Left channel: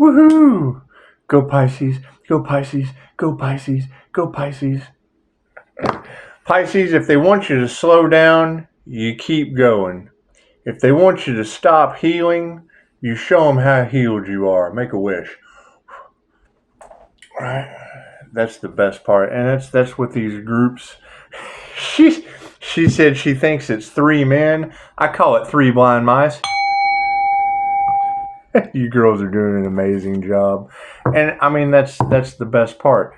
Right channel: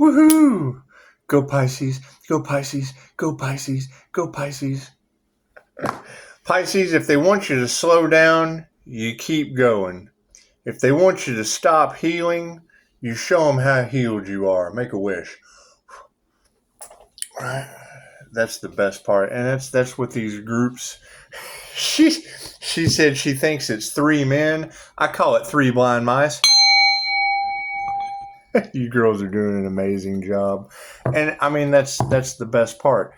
Woohoo! Go Pisces, go Pisces, go Pisces, go Pisces. Pisces, if they want you to slow down, you keep going. If they want you to stop healing, you show them how healed you are. Make a wish. That's the best part. And that's what these groups... She said she thinks it's 3 men. I call it 3 blind mice. You girls are doing an amazing job. And I mean, that's the best part.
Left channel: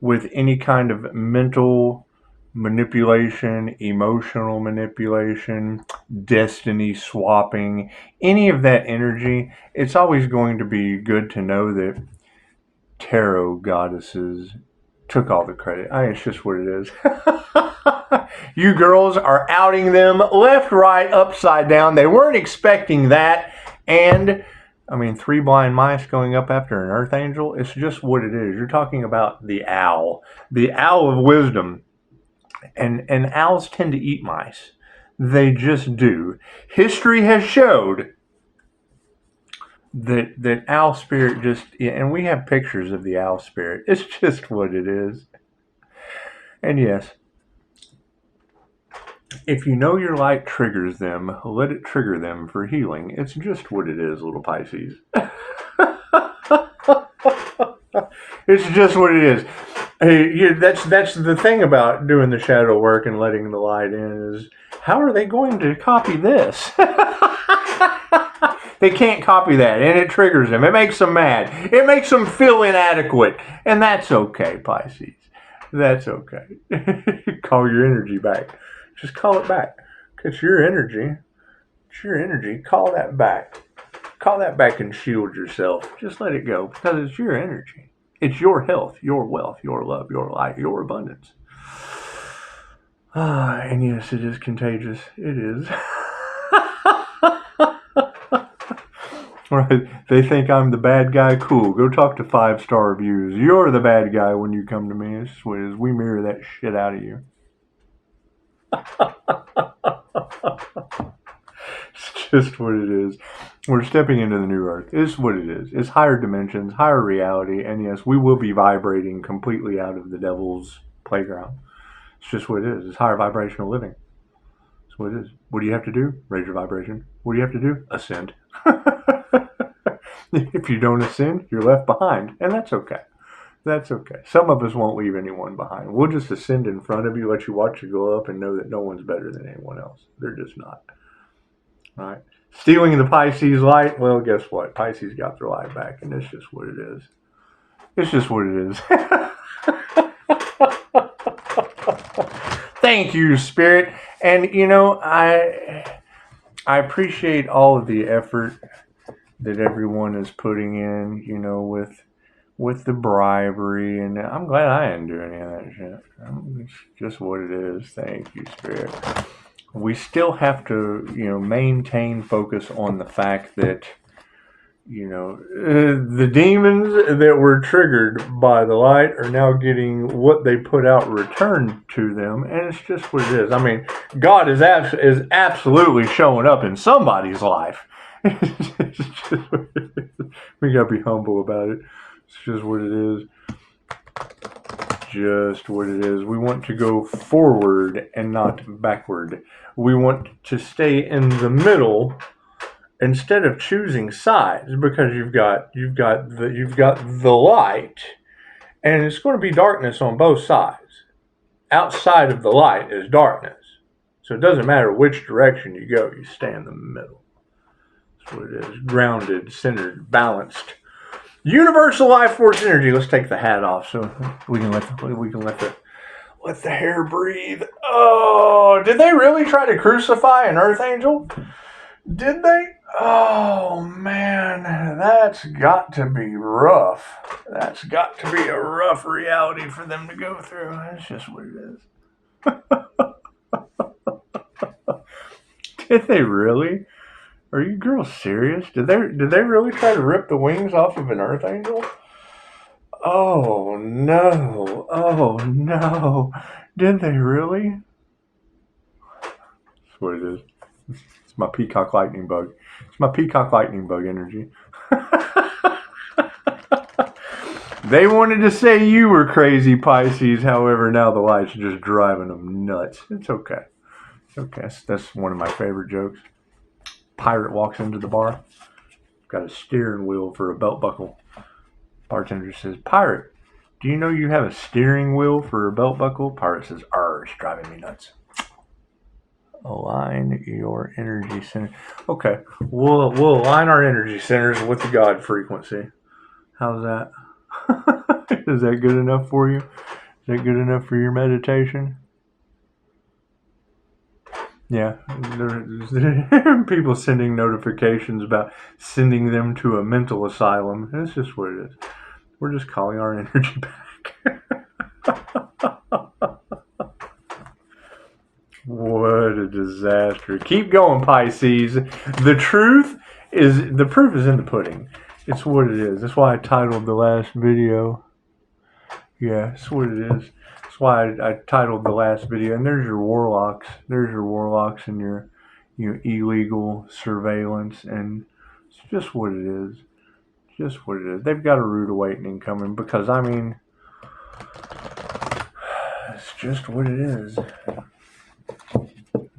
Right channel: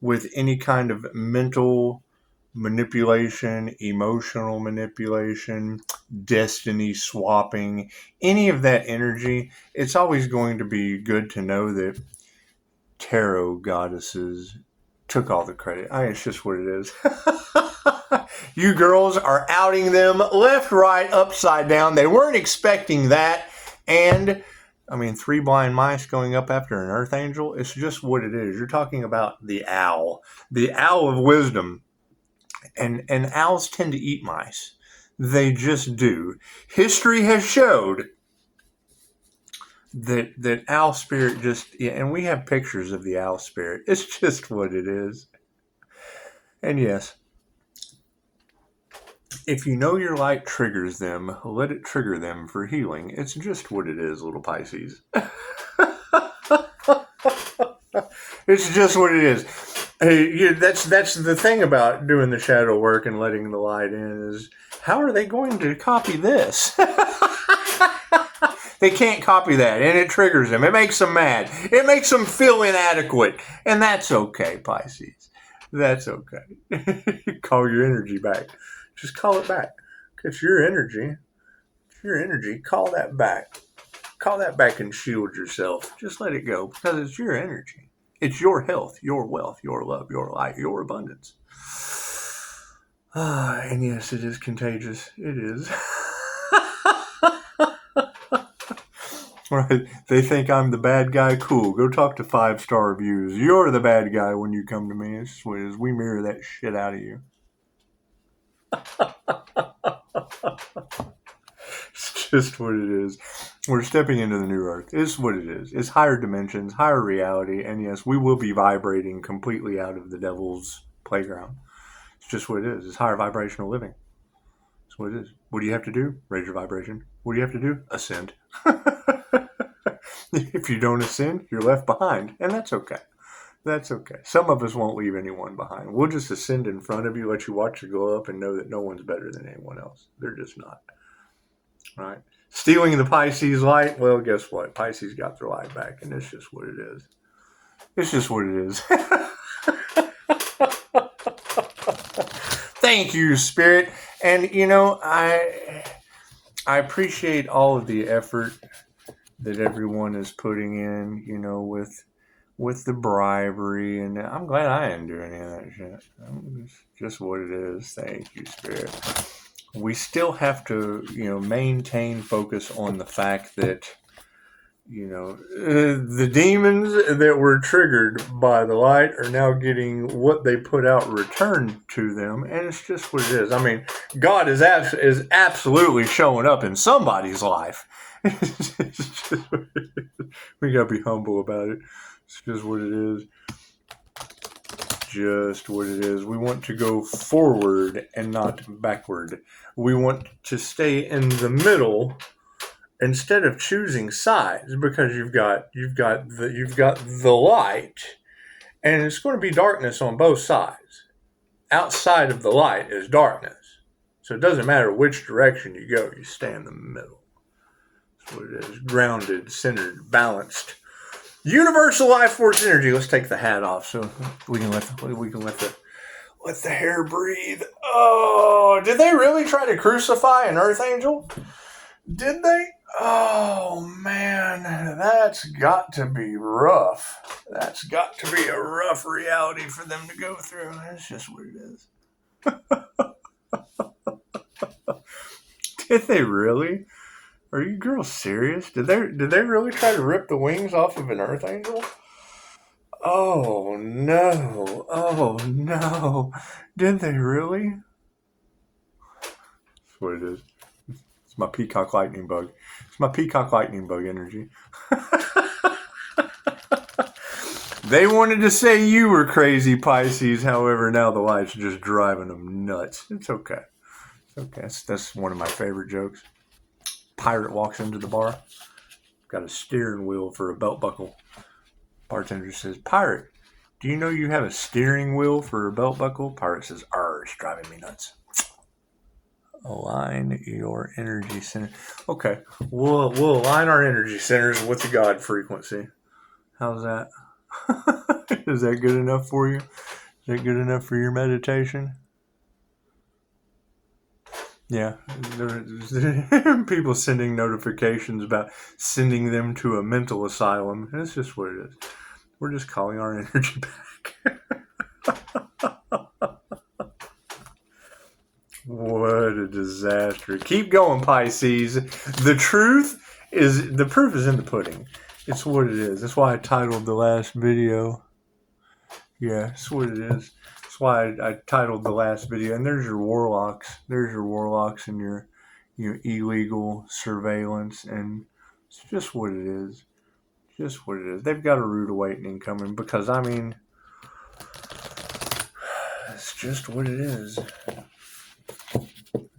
With any kind of mental manipulation, emotional manipulation, destiny swapping, any of that energy, it's always going to be good to know that tarot goddesses took all the credit. It's just what it is. You girls are outing them left, right, upside down. They weren't expecting that. And I mean, 3 blind mice going up after an earth angel, it's just what it is. You're talking about the owl of wisdom. And owls tend to eat mice. They just do. History has showed that owl spirit just, and we have pictures of the owl spirit. It's just what it is. And yes, if you know your light triggers them, let it trigger them for healing. It's just what it is, little Pisces. It's just what it is. That's the thing about doing the shadow work and letting the light in is, how are they going to copy this? They can't copy that, and it triggers them. It makes them mad. It makes them feel inadequate, and that's okay, Pisces. That's okay. Call your energy back. Just call it back. It's your energy. It's your energy. Call that back. Call that back and shield yourself. Just let it go, because it's your energy. It's your health, your wealth, your love, your light, your abundance. And yes, it is contagious. It is. Right. They think I'm the bad guy. Cool. Go talk to 5-star reviews. You're the bad guy when you come to me. It's what it is. We mirror that shit out of you. It's just what it is. We're stepping into the new earth. It's what it is. It's higher dimensions, higher reality, and yes, we will be vibrating completely out of the devil's playground. It's just what it is. It's higher vibrational living. That's what it is. What do you have to do? Raise your vibration. What do you have to do? Ascend. If you don't ascend, you're left behind, and that's okay. That's okay. Some of us won't leave anyone behind. We'll just ascend in front of you, let you watch you go up, and know that no one's better than anyone else. They're just not. All right. Stealing the Pisces light, well, guess what? Pisces got their light back, and it's just what it is. It's just what it is. Thank you, Spirit. And, I appreciate all of the effort that everyone is putting in, with the bribery, and I'm glad I didn't do any of that shit. It's just what it is. Thank you, Spirit. We still have to, maintain focus on the fact that, the demons that were triggered by the light are now getting what they put out returned to them, and it's just what it is. I mean, God is absolutely showing up in somebody's life. It's just what it is. We gotta be humble about it. It's just what it is. Just what it is. We want to go forward and not backward. We want to stay in the middle instead of choosing sides, because you've got the light, and it's going to be darkness on both sides. Outside of the light is darkness. So it doesn't matter which direction you go, you stay in the middle. That's what it is. Grounded, centered, balanced. Universal life force energy. Let's take the hat off so we can let the hair breathe. Oh, did they really try to crucify an earth angel? Did they? Oh man, that's got to be rough. That's got to be a rough reality for them to go through. That's just what it is. Did they really? Are you girls serious? Did they really try to rip the wings off of an earth angel? Oh no. Oh no. Did they really? That's what it is. It's my peacock lightning bug. It's my peacock lightning bug energy. They wanted to say you were crazy, Pisces. However, now the light's just driving them nuts. It's okay. It's okay. That's one of my favorite jokes. Pirate walks into the bar. Got a steering wheel for a belt buckle. Bartender says, Pirate, do you know you have a steering wheel for a belt buckle? Pirate says, it's driving me nuts. Align your energy center. Okay, we'll align our energy centers with the God frequency. How's that? Is that good enough for you? Is that good enough for your meditation? Yeah, people sending notifications about sending them to a mental asylum. And it's just what it is. We're just calling our energy back. What a disaster. Keep going, Pisces. The proof is in the pudding. It's what it is. That's why I titled the last video. Yeah, that's what it is. That's why I titled the last video. And there's your warlocks. There's your warlocks and your illegal surveillance. And it's just what it is. Just what it is. They've got a rude awakening coming because, I mean, it's just what it is.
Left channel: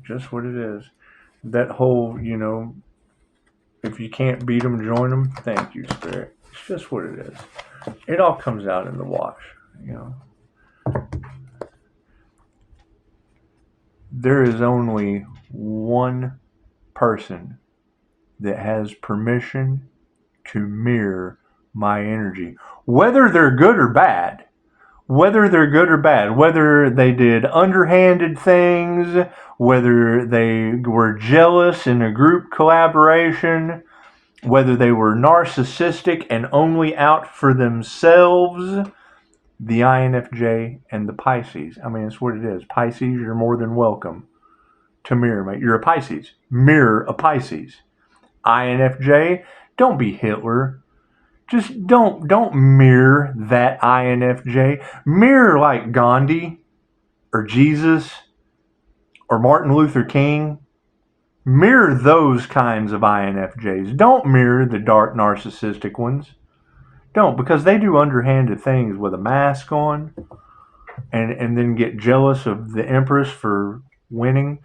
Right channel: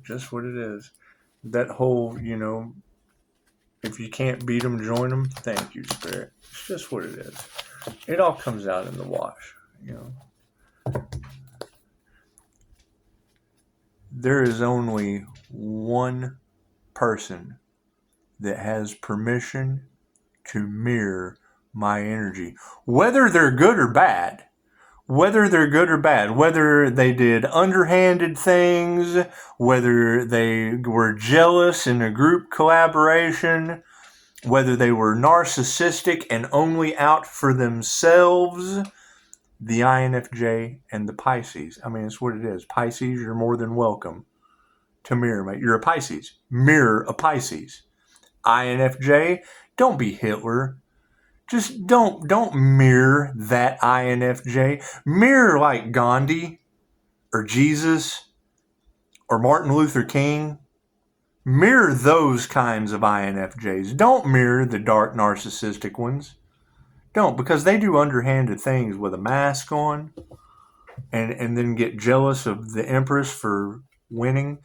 Just what it is. That whole, if you can't beat them, join them. Thank you, Spirit. It's just what it is. It all comes out in the wash, There is only one person that has permission to mirror my energy, whether they're good or bad. Whether they're good or bad, whether they did underhanded things, whether they were jealous in a group collaboration, whether they were narcissistic and only out for themselves, the INFJ and the Pisces. I mean, it's what it is. Pisces, you're more than welcome to mirror me. You're a Pisces. Mirror a Pisces. INFJ, don't be Hitler. Just don't mirror that INFJ. Mirror like Gandhi or Jesus or Martin Luther King. Mirror those kinds of INFJs. Don't mirror the dark narcissistic ones. Don't, because they do underhanded things with a mask on and then get jealous of the Empress for winning.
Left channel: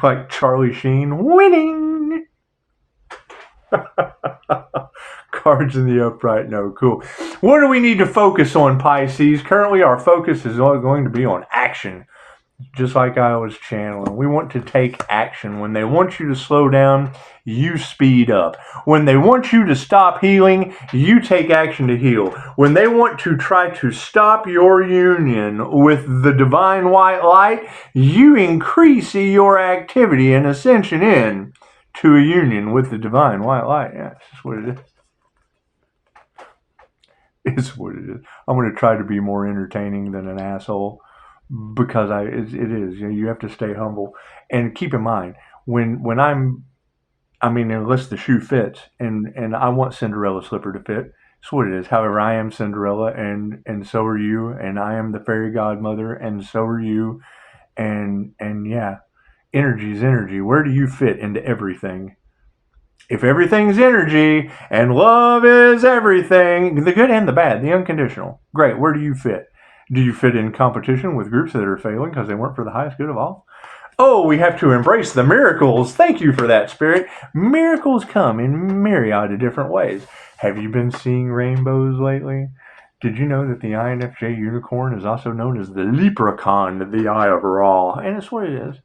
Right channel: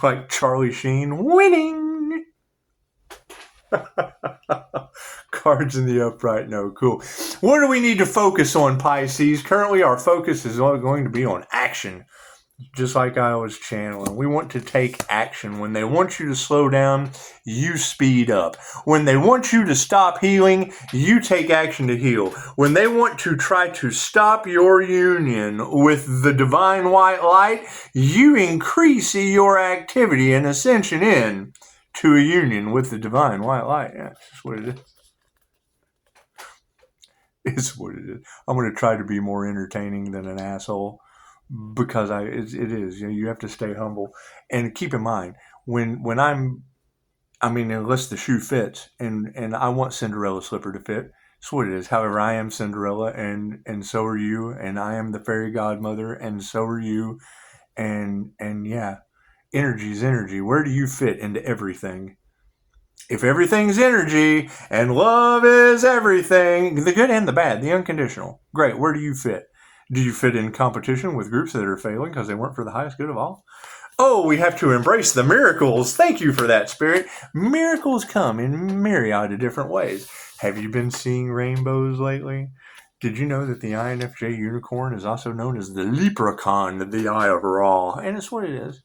Like Charlie Sheen, winning! Cards in the upright, no, cool. What do we need to focus on, Pisces? Currently, our focus is going to be on action. Just like I was channeling. We want to take action. When they want you to slow down, you speed up. When they want you to stop healing, you take action to heal. When they want to try to stop your union with the divine white light, you increase your activity and ascension in to a union with the divine white light. Yeah, that's just what it is. It's what it is. I'm going to try to be more entertaining than an asshole because it is. You have to stay humble and keep in mind when unless the shoe fits and I want Cinderella slipper to fit. That's what it is. However, I am Cinderella and so are you, and I am the fairy godmother and so are you, and yeah, energy is energy. Where do you fit into everything? If everything's energy and love is everything, the good and the bad, the unconditional, great, where do you fit? Do you fit in competition with groups that are failing because they weren't for the highest good of all? Oh, we have to embrace the miracles. Thank you for that, Spirit. Miracles come in myriad of different ways. Have you been seeing rainbows lately? Did you know that the INFJ unicorn is also known as the leprechaun of the Eye of Ra? And it's what it is.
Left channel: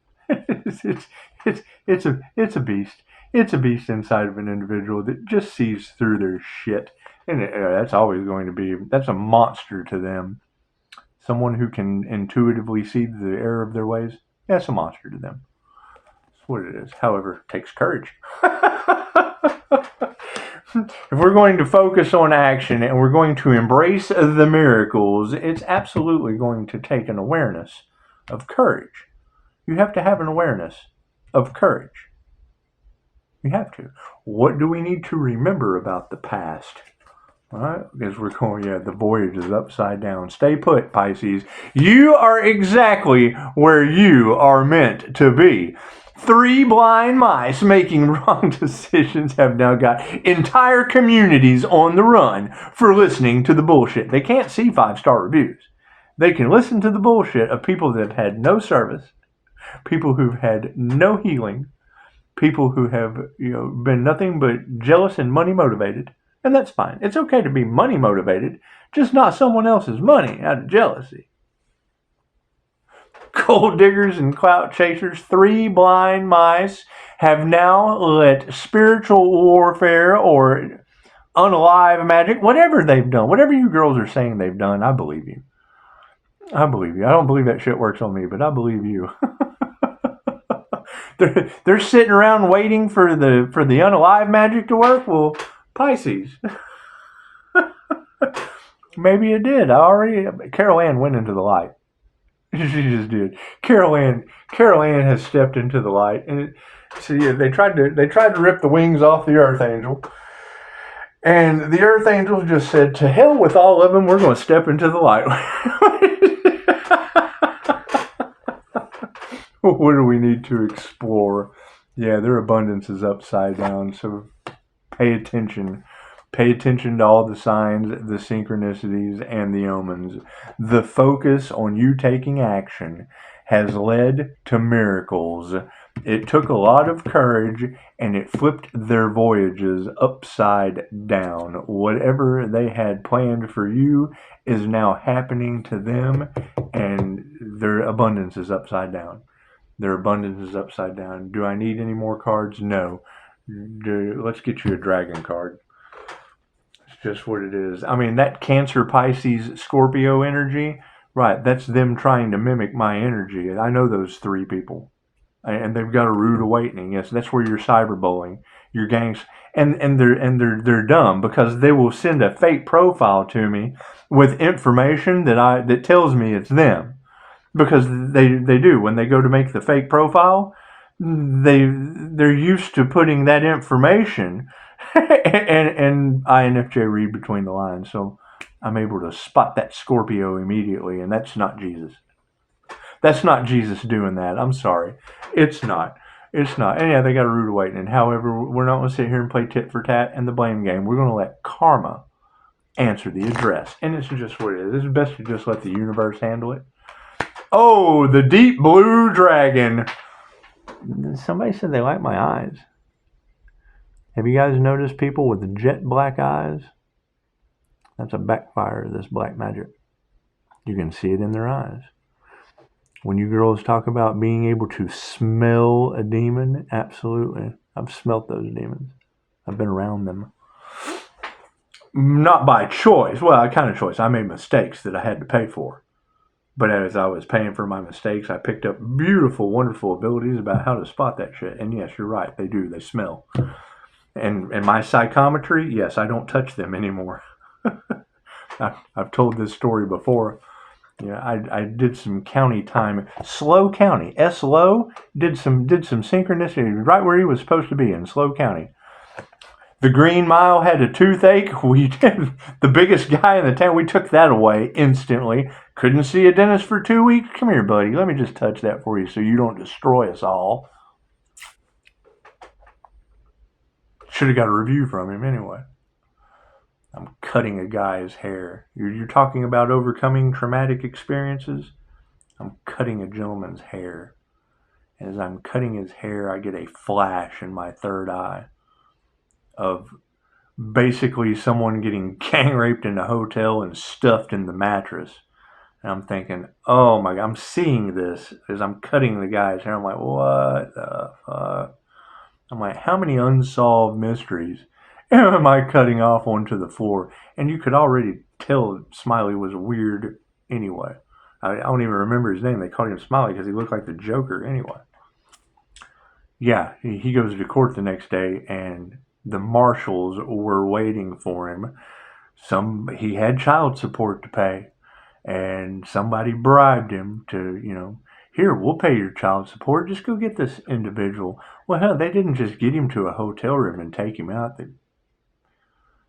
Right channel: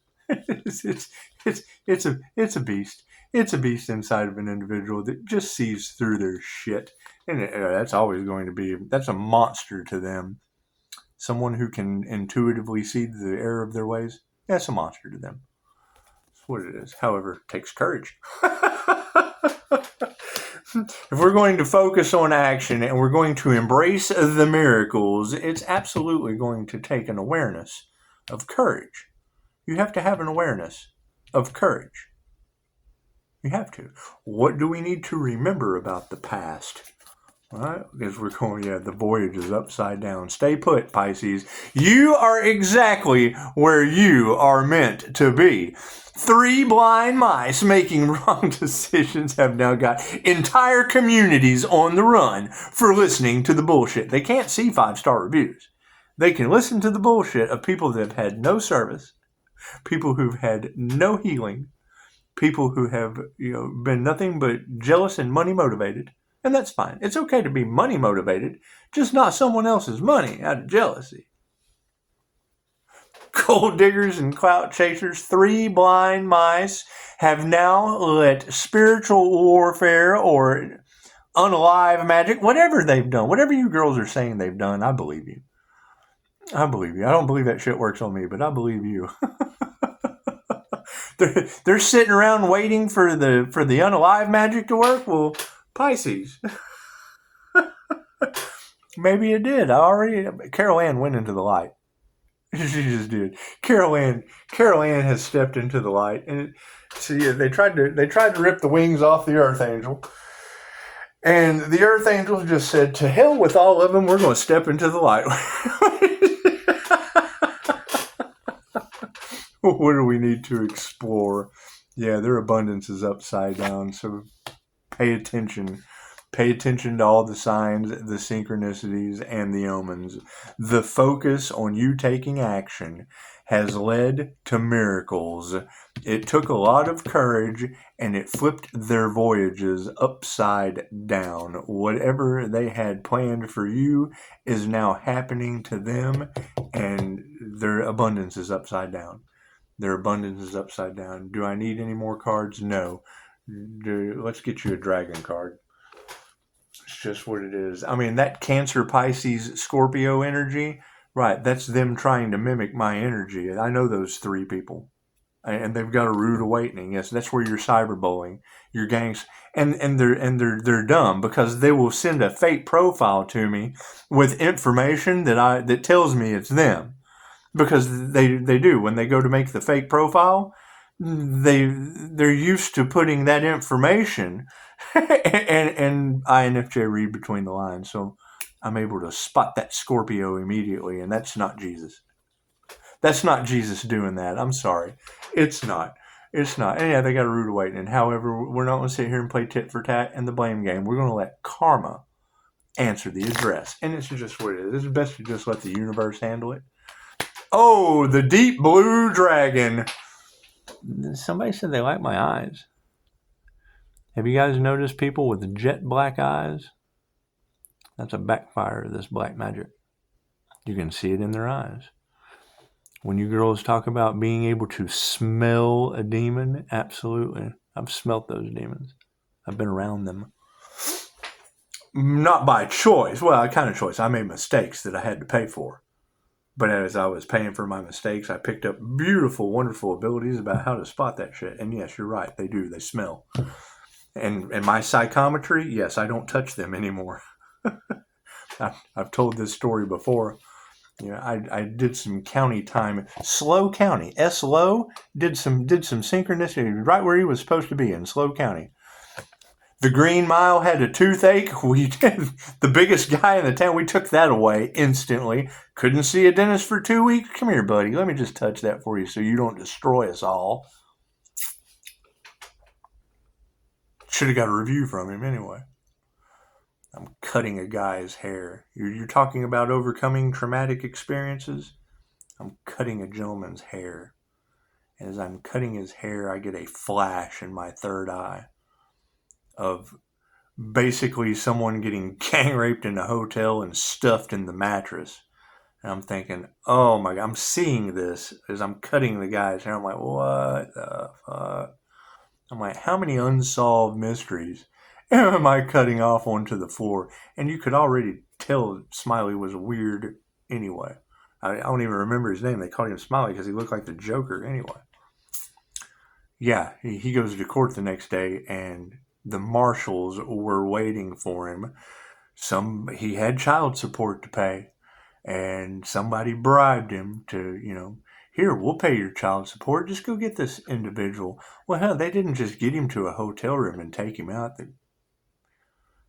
It's a beast. It's a beast inside of an individual that just sees through their shit. And that's always going to be, that's a monster to them. Someone who can intuitively see the error of their ways, that's a monster to them. That's what it is. However, it takes courage. If we're going to focus on action and we're going to embrace the miracles, it's absolutely going to take an awareness of courage. You have to have an awareness of courage. You have to. What do we need to remember about the past? All right, because we're going, the voyage is upside down. Stay put, Pisces. You are exactly where you are meant to be. 3 blind mice making wrong decisions have now got entire communities on the run for listening to the bullshit. They can't see 5-star reviews. They can listen to the bullshit of people that have had no service, people who've had no healing, people who have, been nothing but jealous and money motivated. And that's fine. It's okay to be money motivated, just not someone else's money out of jealousy. Gold diggers and clout chasers, 3 blind mice have now let spiritual warfare or unalive magic, whatever they've done, whatever you girls are saying they've done, I believe you. I believe you. I don't believe that shit works on me, but I believe you. They're sitting around waiting for the unalive magic to work. Well, Pisces. Maybe it did. Carol Ann went into the light. She just did. Carol Ann has stepped into the light, and they tried to rip the wings off the Earth Angel, and the Earth Angel just said, "To hell with all of them. We're going to step into the light." What do we need to explore? Yeah, their abundance is upside down. So pay attention. Pay attention to all the signs, the synchronicities, and the omens. The focus on you taking action has led to miracles. It took a lot of courage, and it flipped their voyages upside down. Whatever they had planned for you is now happening to them, and their abundance is upside down. Their abundance is upside down. Do I need any more cards? No. Let's get you a dragon card. It's just what it is. I mean, that Cancer, Pisces, Scorpio energy, right, that's them trying to mimic my energy. I know those 3 people. And they've got a rude awakening. Yes, that's where you're cyberbullying, your gangs, and they're dumb because they will send a fake profile to me with information that tells me it's them. Because they do. When they go to make the fake profile, they're used to putting that information, and INFJ read between the lines, so I'm able to spot that Scorpio immediately, and that's not Jesus. That's not Jesus doing that. I'm sorry. It's not. It's not. And yeah, they got a rude awakening. However, we're not going to sit here and play tit for tat and the blame game. We're going to let karma answer the address. And it's just what it is. It's best to just let the universe handle it. Oh, the deep blue dragon. Somebody said they like my eyes. Have you guys noticed people with jet black eyes? That's a backfire of this black magic. You can see it in their eyes. When you girls talk about being able to smell a demon, absolutely. I've smelt those demons. I've been around them. Not by choice. Well, I kind of choice. I made mistakes that I had to pay for. But as I was paying for my mistakes, I picked up beautiful, wonderful abilities about how to spot that shit. And yes, you're right. They do. They smell. And my psychometry, yes, I don't touch them anymore. I've told this story before. Yeah, I did some county time. SLO County. SLO did some synchronicity right where he was supposed to be in SLO County. The Green Mile had a toothache. We did the biggest guy in the town. We took that away instantly. Couldn't see a dentist for 2 weeks. Come here, buddy. Let me just touch that for you so you don't destroy us all. Should have got a review from him anyway. I'm cutting a guy's hair. You're talking about overcoming traumatic experiences? I'm cutting a gentleman's hair. And as I'm cutting his hair, I get a flash in my third eye of basically someone getting gang raped in a hotel and stuffed in the mattress. And I'm thinking, oh my God, I'm seeing this as I'm cutting the guy's hair. I'm like, what the fuck? I'm like, how many unsolved mysteries am I cutting off onto the floor? And you could already tell Smiley was weird anyway. I don't even remember his name. They called him Smiley because he looked like the Joker anyway. Yeah, he goes to court the next day, and the marshals were waiting for him. He had child support to pay, and somebody bribed him to, here, we'll pay your child support. Just go get this individual. Well, hell, they didn't just get him to a hotel room and take him out. They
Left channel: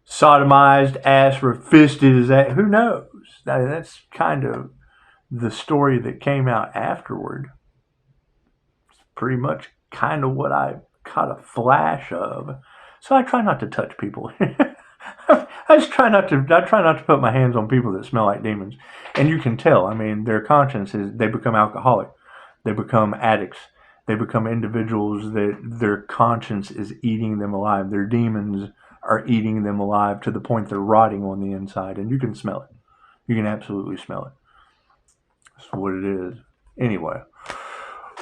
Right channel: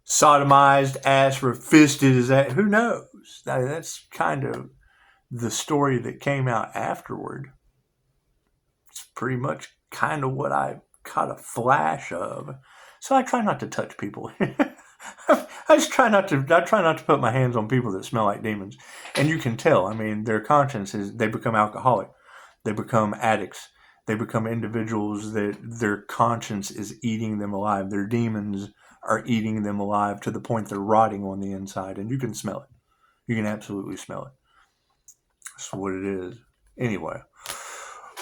sodomized, ass fisted his ass. Who knows? That's kind of the story that came out afterward. It's pretty much kind of what I caught a flash of. So I try not to touch people. I try not to put my hands on people that smell like demons. And you can tell, I mean, their conscience is, they become alcoholic. They become addicts. They become individuals that their conscience is eating them alive. Their demons are eating them alive to the point they're rotting on the inside. And you can smell it. You can absolutely smell it. That's what it is. Anyway.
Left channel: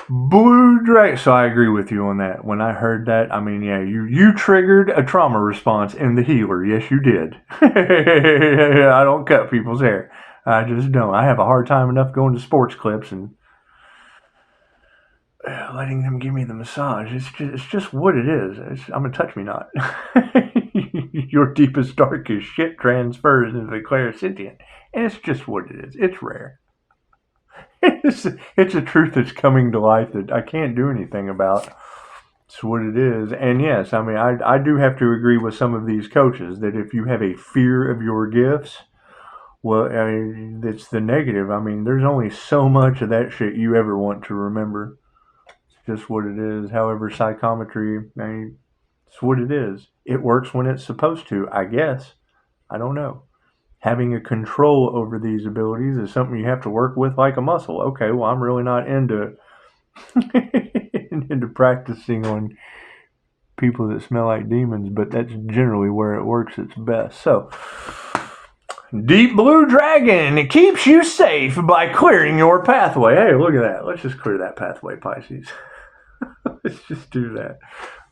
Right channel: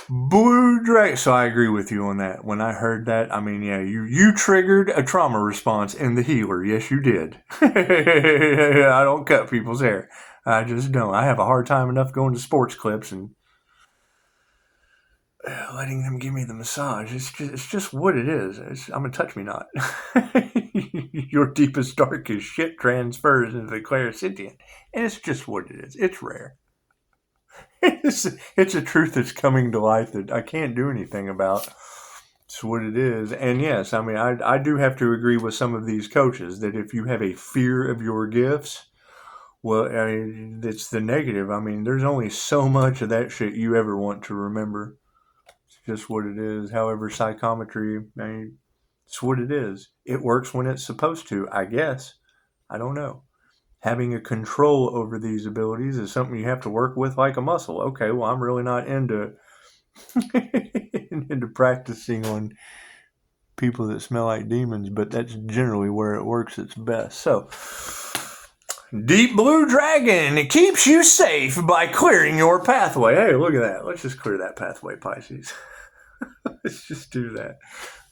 Blue Dragon. So I agree with you on that. When I heard that, I mean, yeah, you triggered a trauma response in the healer. Yes, you did. I don't cut people's hair. I just don't. I have a hard time enough going to sports clips and letting them give me the massage. It's just what it is. I'm a touch me not. Your deepest, darkest shit transfers into the clairsentient. And it's just what it is. It's rare. It's a truth that's coming to life that I can't do anything about. It's what it is. And yes, I mean, I do have to agree with some of these coaches that if you have a fear of your gifts, well, I mean, it's the negative. I mean, there's only so much of that shit you ever want to remember. It's just what it is. However, psychometry, I mean, it's what it is. It works when it's supposed to, I guess. I don't know. Having a control over these abilities is something you have to work with like a muscle. Okay, well, I'm really not into into practicing on people that smell like demons, but that's generally where it works its best. So, Deep Blue Dragon, it keeps you safe by clearing your pathway. Hey, look at that. Let's just clear that pathway, Pisces. Let's just do that.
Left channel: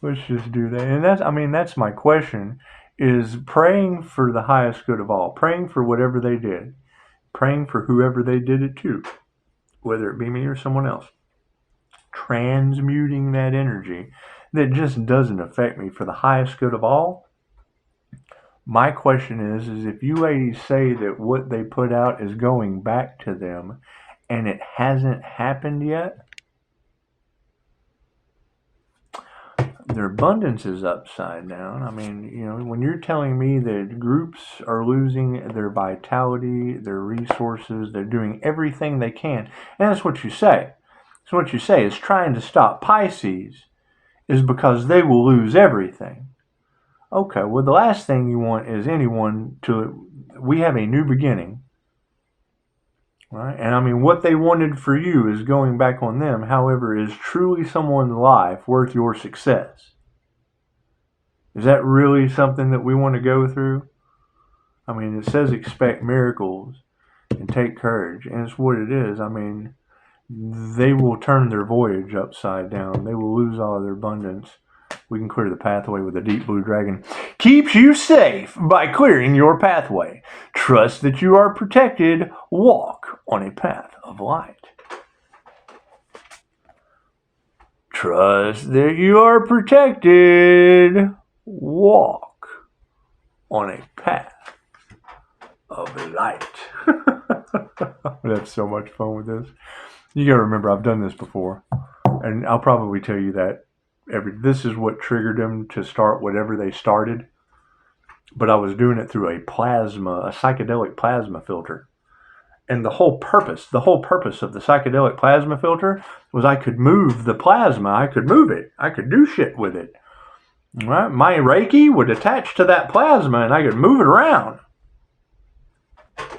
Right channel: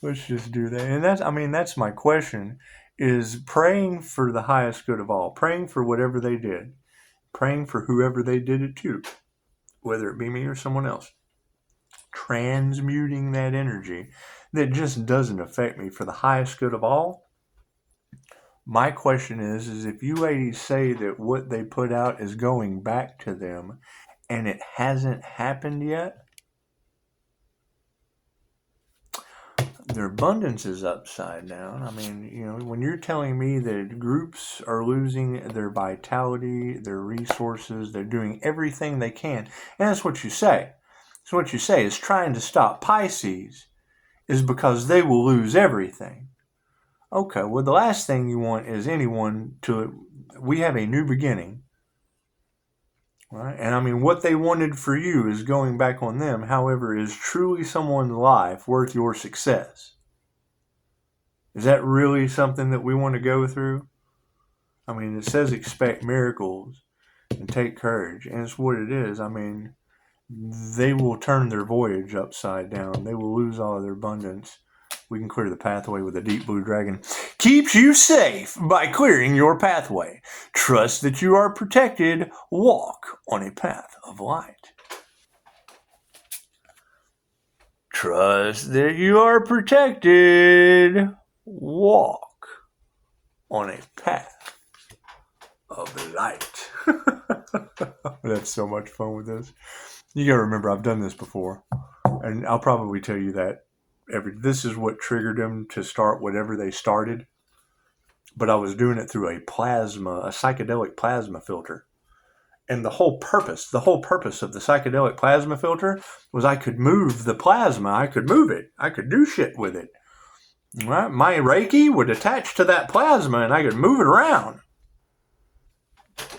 And that's my question. Is praying for the highest good of all, praying for whatever they did, praying for whoever they did it to, whether it be me or someone else, transmuting that energy that just doesn't affect me for the highest good of all. My question is if you ladies say that what they put out is going back to them and it hasn't happened yet, their abundance is upside down. I mean, you know, when you're telling me that groups are losing their vitality, their resources, they're doing everything they can, and that's what you say. So what you say is trying to stop Pisces is because they will lose everything. Okay, well, the last thing you want is anyone to, we have a new beginning. Right? And I mean, what they wanted for you is going back on them. However, is truly someone's life worth your success? Is that really something that we want to go through? I mean, it says expect miracles and take courage. And it's what it is. I mean, they will turn their voyage upside down. They will lose all of their abundance. We can clear the pathway with a Deep Blue Dragon. Keeps you safe by clearing your pathway. Trust that you are protected. Walk on a path of light. Trust that you are protected. Walk on a path of light. That's so much fun with this. You gotta remember, I've done this before. And I'll probably tell you that this is what triggered them to start whatever they started. But I was doing it through a psychedelic plasma filter. And the whole purpose of the psychedelic plasma filter was I could move the plasma. I could move it. I could do shit with it. Right? My Reiki would attach to that plasma and I could move it around.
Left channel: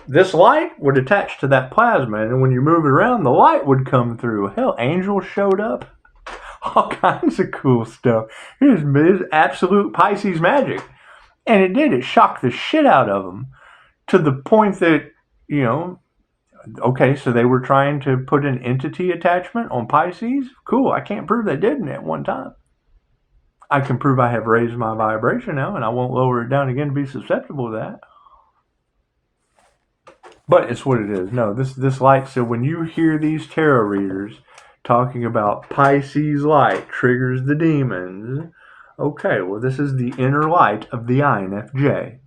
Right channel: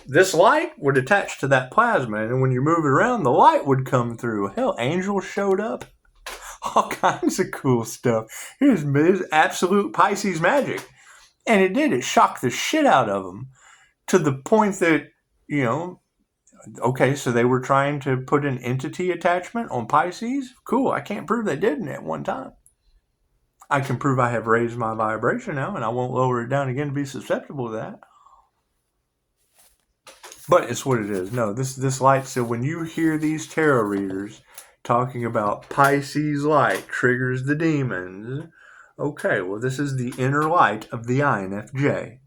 This light would attach to that plasma, and when you move it around, the light would come through. Hell, angels showed up. All kinds of cool stuff. It was absolute Pisces magic. And it did. It shocked the shit out of them to the point that, you know, okay, so they were trying to put an entity attachment on Pisces. Cool. I can't prove they didn't at one time. I can prove I have raised my vibration now, and I won't lower it down again to be susceptible to that. But it's what it is. No, this light, so when you hear these tarot readers talking about Pisces light triggers the demons, okay, well, this is the inner light of the INFJ.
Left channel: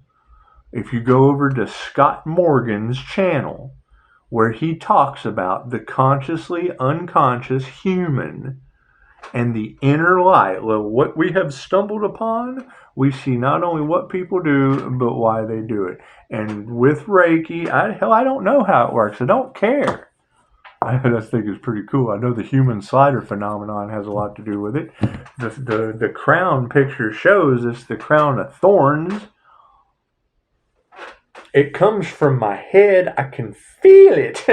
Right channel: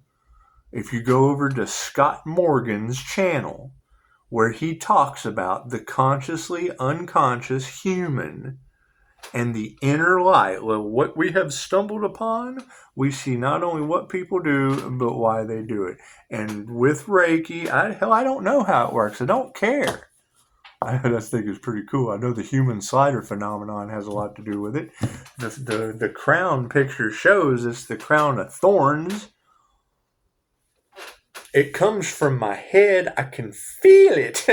If you go over to Scott Morgan's channel, where he talks about the consciously unconscious human and the inner light, well, what we have stumbled upon, we see not only what people do, but why they do it. And with Reiki, I don't know how it works. I don't care. I just think it's pretty cool. I know the human slider phenomenon has a lot to do with it. The crown picture shows it's the crown of thorns. It comes from my head. I can feel it.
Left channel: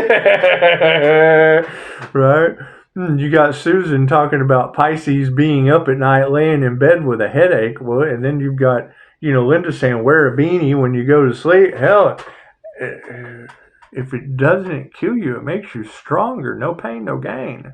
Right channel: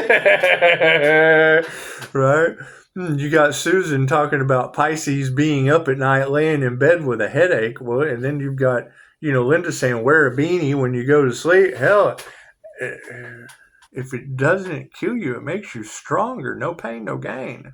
Right? You got Susan talking about Pisces being up at night laying in bed with a headache. Well, and then you've got, Linda saying wear a beanie when you go to sleep. Hell, if it doesn't kill you, it makes you stronger. No pain, no gain.